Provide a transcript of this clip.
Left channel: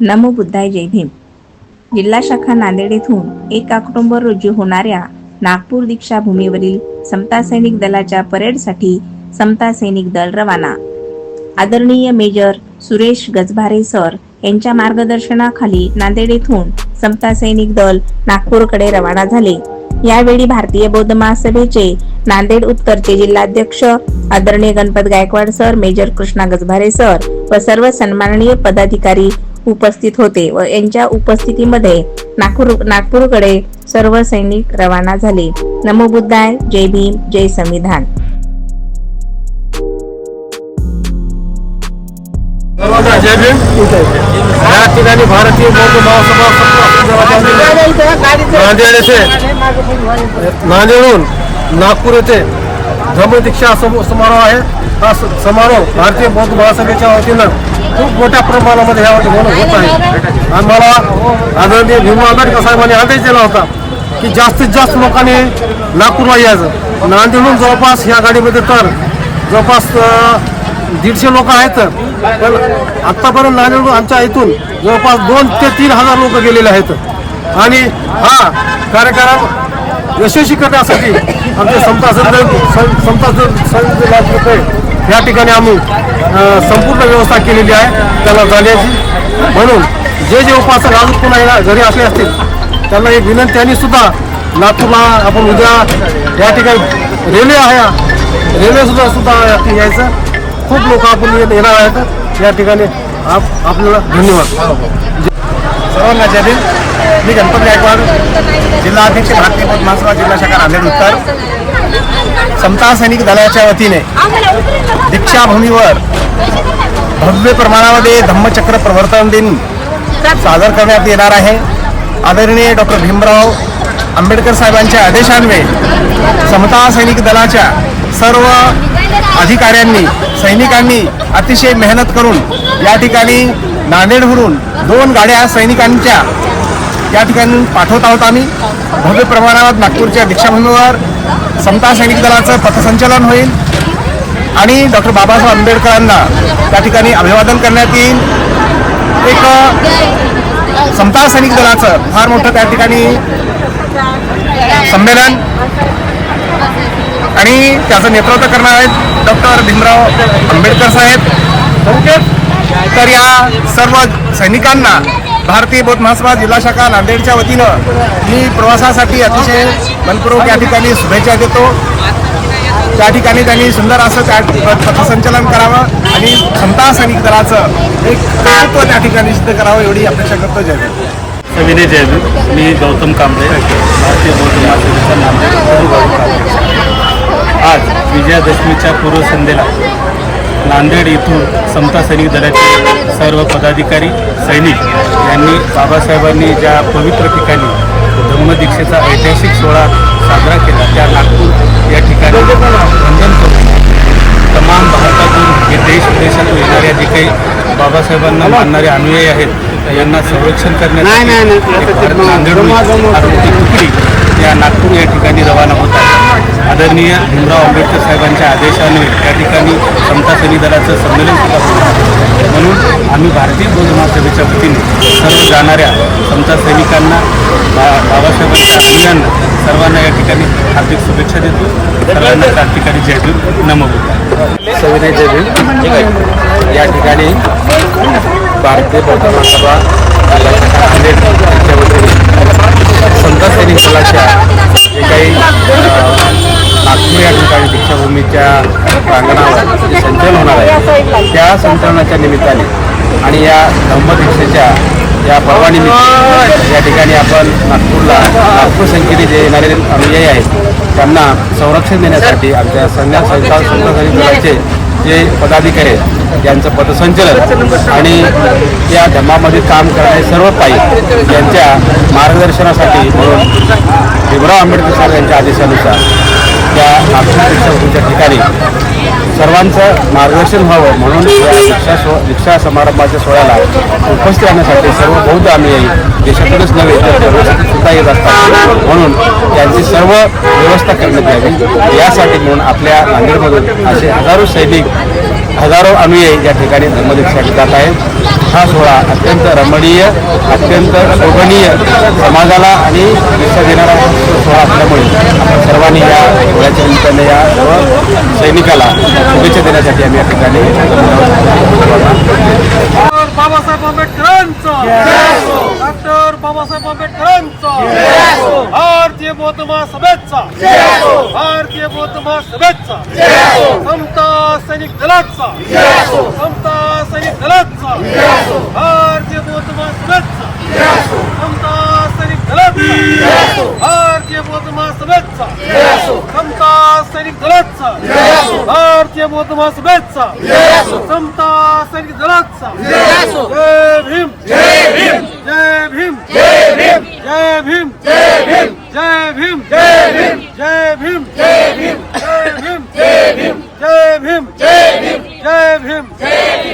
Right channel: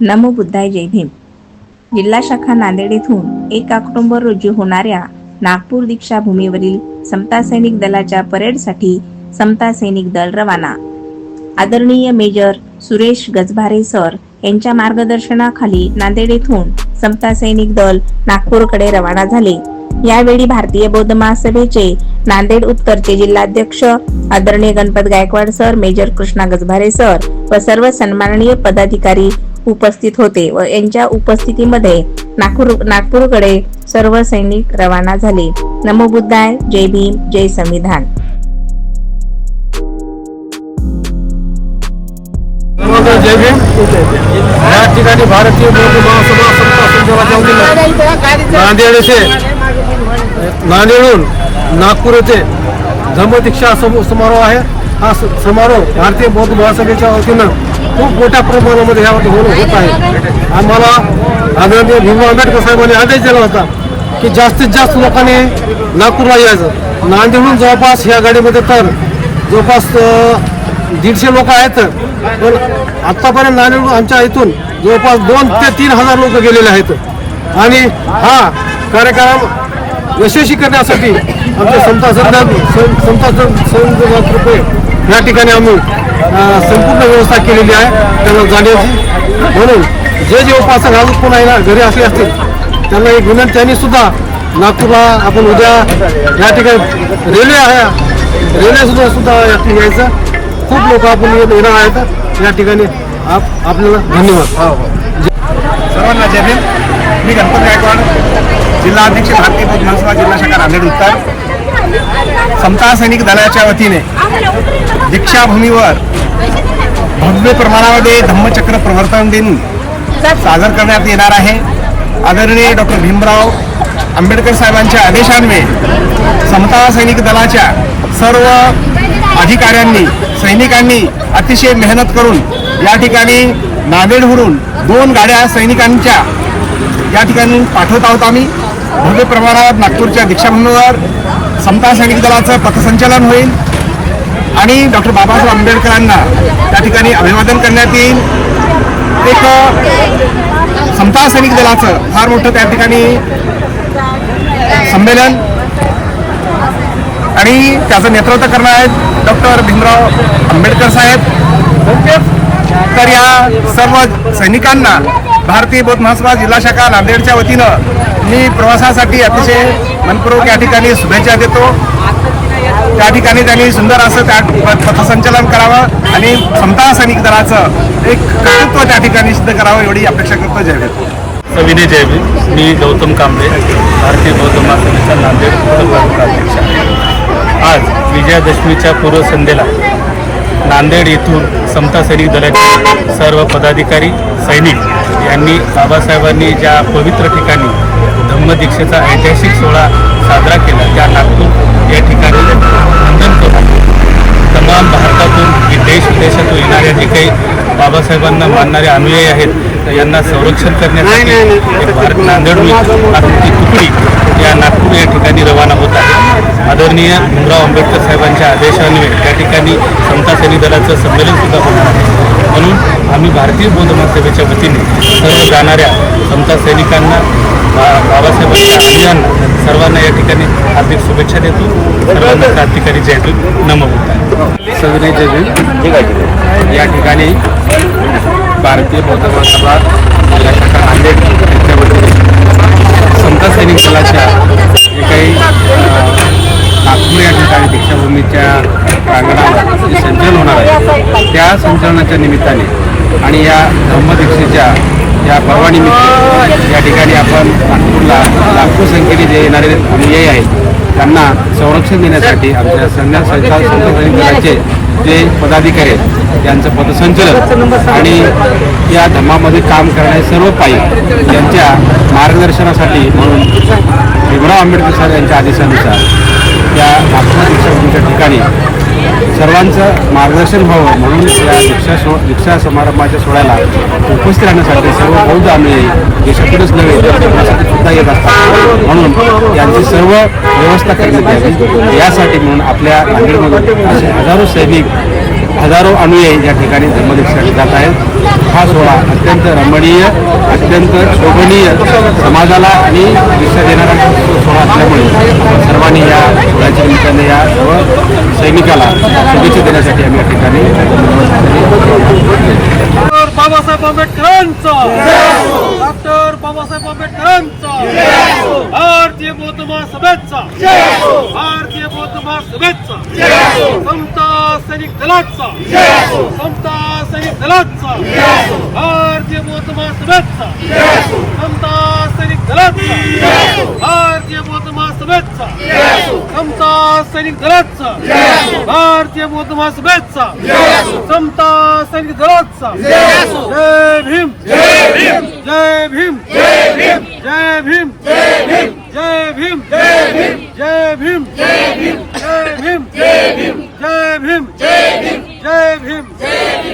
नमो बुद्धाय जय भीम. जिल्हा शाखा नांदेड येथून एक ऑक्टोबर रोजी होणाऱ्या नागपूर दीक्षाभूमीवरील समता सैनिक दलाच्या परेडसाठी समता सैनिक दल रवाना. आदरणीय मेजर सुरेश गजभारे सर यांच्या मार्गदर्शनाखाली नांदेड येथून समता सैनिक दल नागपूरकडे रवाना झाले. यावेळी भारतीय बौद्ध महासभेचे नांदेड उत्तरचे जिल्हाध्यक्ष आदरणीय Ganpat Gaikwad sir major Krishna Gajbhare sir व सर्व सन्माननीय पदाधिकारी उपस्थित होते व यांच्या उपस्थितीमध्ये नागपूर नागपूरकडे सर्व सैनिक रवाना झाले. नमो बुद्धाय जय भीम जय संविधान. जय भीम. या ठिकाणी भारतीय बौद्ध महासभा समता संघाच्या वतीने नांदेड येथे नांदेडहून नागपूर येथे धम्मदीक्षा समारोह आहे. हा समारोह भारतीय बौद्ध महासभेच्या वतीनं खूप मोठ्या प्रमाणामध्ये यावर होत होत आहे आम्हाला आदरणीय भीमराव आंबेडकर साहेबांनी आदेश दिला होता की जास्तीत जास्त लोकांनी नागपूरला यायचं नांदेडहून जवळपास ह्या गाडीमध्ये तर जवळपास दीडशे लोक आहेत पण आत्तापर्यंत नांदेड आमच्या इथून जवळपास दोन ते तीन हजार लोक गेलेले आहेत आणि हा कार्यक्रम यशस्वी करण्यासाठी आमचे समता संत संत संघ या ठिकाणी आम्ही संपूर्ण व्यवस्था केलेली आहे. त्याला जाण्याची. म्हणून जे जे उपासक अजून पुन्हा येणार घरी असले असतील त्यांना एक विनंती आणि सुद्धा नागपूरला आपण उद्या या ठिकाणी रेल्वे आहे. रेल्वे सुद्धा सुद्धा यायचं. खूप लोक आपण येणार आहेत. या ठिकाणी आप आपल्याला धन्यवाद. सर्वांना जय भीम. मी गणपत गायकवाड जिल्हा अध्यक्ष भारतीय बौद्ध महासभा जिल्हा शाखा नांदेड उत्तर. समता सैनिक दलाच्या वतीने दीक्षाभूमीवर भव्य प्रमाणामध्ये धम्मचक्र प्रवर्तन दिन सादर करण्यात येणार आहे. आदरणीय डॉक्टर भीमराव आंबेडकर साहेबांच्या आदेशान्वये समता सैनिक दलाच्या सर्व अधिकाऱ्यांनी सैनिकांनी अतिशय मेहनत करून या ठिकाणी नांदेडहून दोन गाड्या सैनिकांच्या या ठिकाणी पाठवत आहोत आम्ही. भव्य प्रमाणावर नागपूरच्या दीक्षाभूमीवर समता सैनिक दलाचं पथसंचलन होईल. आणि डॉक्टर बाबासाहेब आंबेडकरांना त्या ठिकाणी अभिवादन करण्यात येईल. एक समता सैनिक दलाचं फार मोठं त्या ठिकाणी संमेलन. आणि त्याचं नेतृत्व करणार आहेत डॉक्टर भीमराव आंबेडकर साहेब. तर या सर्व सैनिकांना भारतीय बौद्ध महासभा जिल्हा शाखा नांदेडच्या वतीनं मी प्रवासासाठी अतिशय मनपूर्वक या ठिकाणी शुभेच्छा देतो. त्या ठिकाणी त्यांनी सुंदर असं त्या पथसंचलन करावं आणि समता सैनिक दलाचं एक कर्तृत्व त्या ठिकाणी सिद्ध करावं एवढी अपेक्षा करतो जय भीम. सविनय जयवीर मी गौतम कांबळे भारतीय बौद्ध महासभेचा नांदेड उत्तर अध्यक्ष आहे. आज विजयादशमीच्या पूर्वसंध्येला नांदेड येथून समता सैनिक दलाचे सर्व पदाधिकारी सैनिक यांनी बाबासाहेबांनी ज्या पवित्र ठिकाणी धम्मदीक्षेचा ऐतिहासिक सोहळा साजरा केला त्या नागपूर या ठिकाणी वंदन करून तमाम भारतातून वि- देश विदेशातून येणाऱ्या जे काही बाबासाहेबांना मानणारे अनुयायी आहेत यांना संरक्षण करण्यासाठी एक भारत फार मोठी तुकडी या नागपूर या ठिकाणी रवाना होत आहे. आदरणीय भीमराव आंबेडकर साहेबांच्या आदेशान्वये त्या ठिकाणी समता सैनिक दलाचं संमेलन सुद्धा होणार आहे. म्हणून आम्ही भारतीय बौद्ध महासभेच्या वतीने सर्व जाणाऱ्या समता सैनिकांना बा बाबासाहेबांच्या अनुयांना सर्वांना या ठिकाणी हार्दिक शुभेच्छा देतो. सर्वांना क्रांतिकारी जय भीम नमो बुद्धाय. सविनय जय या ठिकाणी भारतीय बौद्ध महासभा जिल्हा शाखा नांदेड यांच्या वतीने संत सैनिक दलाच्या जे काही नागपूर या ठिकाणी दीक्षाभूमीच्या प्रांगणावर जे संचलन होणार आहे त्या संचलनाच्या निमित्ताने आणि या धम्मदीक्षेच्या या पर्वानिमित्त या ठिकाणी आपण नागपूरला लाखो संख्येने जे येणारे अनुयायी आहेत त्यांना संरक्षण देण्यासाठी आमच्या संघ संस्था संत दलाचे जे पदाधिकारी आहेत त्यांचं पथसंचलन आणि या धर्मामध्ये काम करणारे सर्व काही यांच्या मार्गदर्शनासाठी म्हणून भीमराव आंबेडकर साहेब यांच्या आदेशानुसार त्या नागपूर दीक्षाभूमीच्या ठिकाणी सर्वांचं मार्गदर्शन व्हावं म्हणून या दीक्षा सो दीक्षा समारंभाच्या सोहळ्याला उपस्थित राहण्यासाठी सर्व बौद्ध अनुयायी देशातूनच नव्हे तर परदेशातून सुद्धा येत असतात. म्हणून यांची सर्व व्यवस्था करण्यात यावी. यासाठी म्हणून आपल्या नांदेडमधून असे हजारो सैनिक हजारो अनुयायी या ठिकाणी धर्मदीक्षासाठी जात आहेत. हा सोहळा अत्यंत रमणीय अत्यंत शोभनीय समाजाला आणि दिशा देणारा सोहळा असल्यामुळे सर्वांनी या सोहळ्याच्या निमित्ताने या सर्व सैनिकाला शुभेच्छा देण्यासाठी आम्ही या ठिकाणी बाबासाहेब आंबेडकरांचा. डॉक्टर बाबासाहेब आंबेडकरांचा. भारतीय बौद्ध महासभेचा. भारतीय बौद्ध महासभेचा. समता सैनिक दलाचा. समता सैनिक दलाचा. भारतीय बौद्ध महासभेचा. समता सैनिक दलाचा भारतीय बौद्ध महासभेचा समता सैनिक दलाचा भारतीय बौद्ध महासभेचा समता सैनिक भीम जय भीम जय भीम जय भीम जय भीम जय भीम जय भीम जय भीम जय भीम जय भीम जय भीम जय भीम जय भीम